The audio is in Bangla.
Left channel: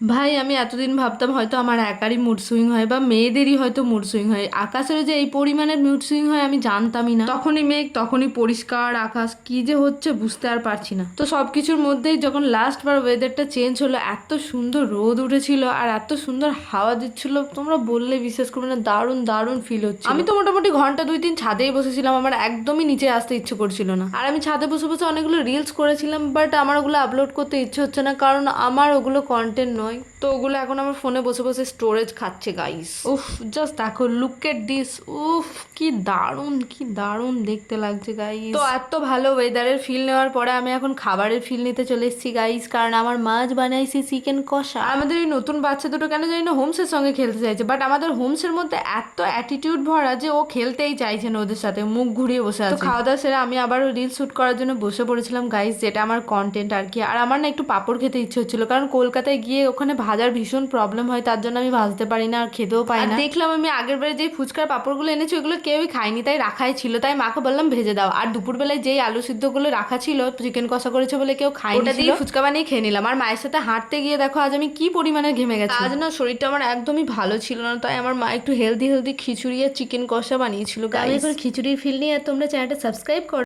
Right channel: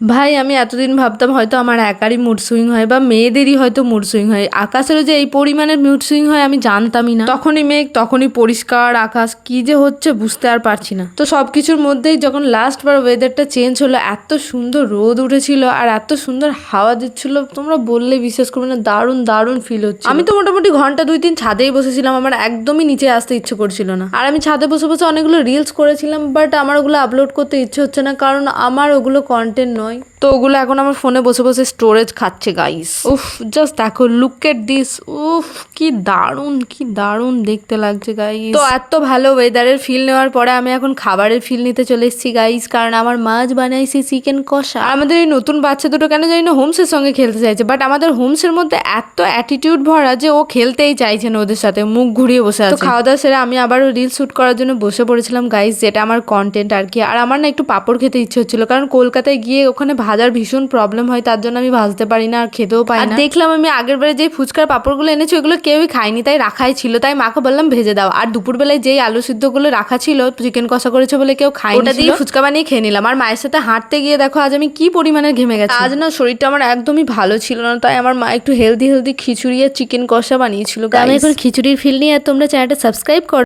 ভাই আমি এতদিন ভাবতাম হয়তো আমার একারই মুড সুইং হয় বা মেয়েদেরই হয়তো মুড সুইং হয়, আকাশেরও যে এই পরিমাণের মুড সুইং হয় আমি জানতামই না। তখনই মেঘ তখনই পরিষ্কার আকাশ, কি যে হচ্ছে বুঝতে আর পারছি না। তো সব কিছুর মধ্যেই যখন লাস্ট বার ওয়েদারটা চেঞ্জ হলো, এত সুন্দর রোদ উঠেছিল আর এত সুন্দর হাওয়া দিচ্ছিল, তোমরা বললে বিশ্বাস করবে না, দারুণ দারুণ ফিল হচ্ছে। আমি তো মোটামুটি ঘন্টা 2-3 ছাদেই বসেছিলাম, আমার একদমই নিচে আসতে ইচ্ছে করছিল না। আর আমি ছাদে বসে বসে অনেকগুলো রিলস করেছিলাম, বাট আমার ওগুলো আপলোড করতে ইচ্ছে হচ্ছে না, কারণ আমার ওগুলো কন্টেন্ট নয়। তো ওগুলো এখন আমার ফোনে বসে বসে স্টোরেজ খাচ্ছে গাইস। উফ, জাস্ট দেখো, লুক এট দিস। উফ, কি দারুণ কি দারুণ দেখতে লাগছে গাইস। তো এত ভালো ওয়েদারের ফিল নেওয়ার পরে আমি এখন খাবারের ফিল নিতে চলে এসেছি গাইস, কারণ আমার মাছ বানাইছে চিকেন কষা। আর আমাদের এই নতুন বাচ্চা দুটো কেন জানি না হোমসের সঙ্গে খেলতে চাইছে, বাট আমাদের হোমসের মধ্যে এত অ্যাটিটিউড ভরা যে ও খেলতেই চাইছে না ওদের সাথে, মুখ ঘুরিয়ে বসে আছে। তো খাওয়া দাওয়া সেরে আমি আবারও রিল শুট করার জন্য বসে পড়েছিলাম গাইস, যেটা আমার কন্টেন্ট আর কি। আর আমার না একটু পাঁপড় খেতে ইচ্ছে হচ্ছিল, কারণ কলকাতায় গিয়ে ওখানে ভাজার ভীষণ প্রবলেম হয়, তার জন্য আমি ভাজতে পারি না আর খেতেও পাই না। দেখলাম আমি আগের বারে যে ফুচকার পাঁপড়গুলো এনেছি ওগুলো কেউই খায়নি, তাই রাখাই ছিল, তাই মাকে বললাম ভেজে দাও। আর দুপুরবেলায় যেই আলু সিদ্ধগুলো রাখা ছিল, চিকেন কষা করেছে বলে কেউ খায়নি, ওটা দিয়ে ফুচকা বানিয়ে খেয়ে নিলাম। আর মায়ের সাথে হাঁটতে গিয়ে দেখো আজ আমি কি পরিমাণে ঘেমে গেছি। আজ না শরীরটা আমার একদমই ভালো ছিল না, তাই আমার মা একটু হেলদি খিচুড়ি আর চিকেন কষা বানিয়েছিল। আমি এখন খিচুড়ির ফিল নিয়ে, আর তোমরা চ্যানেলটা সাবস্ক্রাইব করো।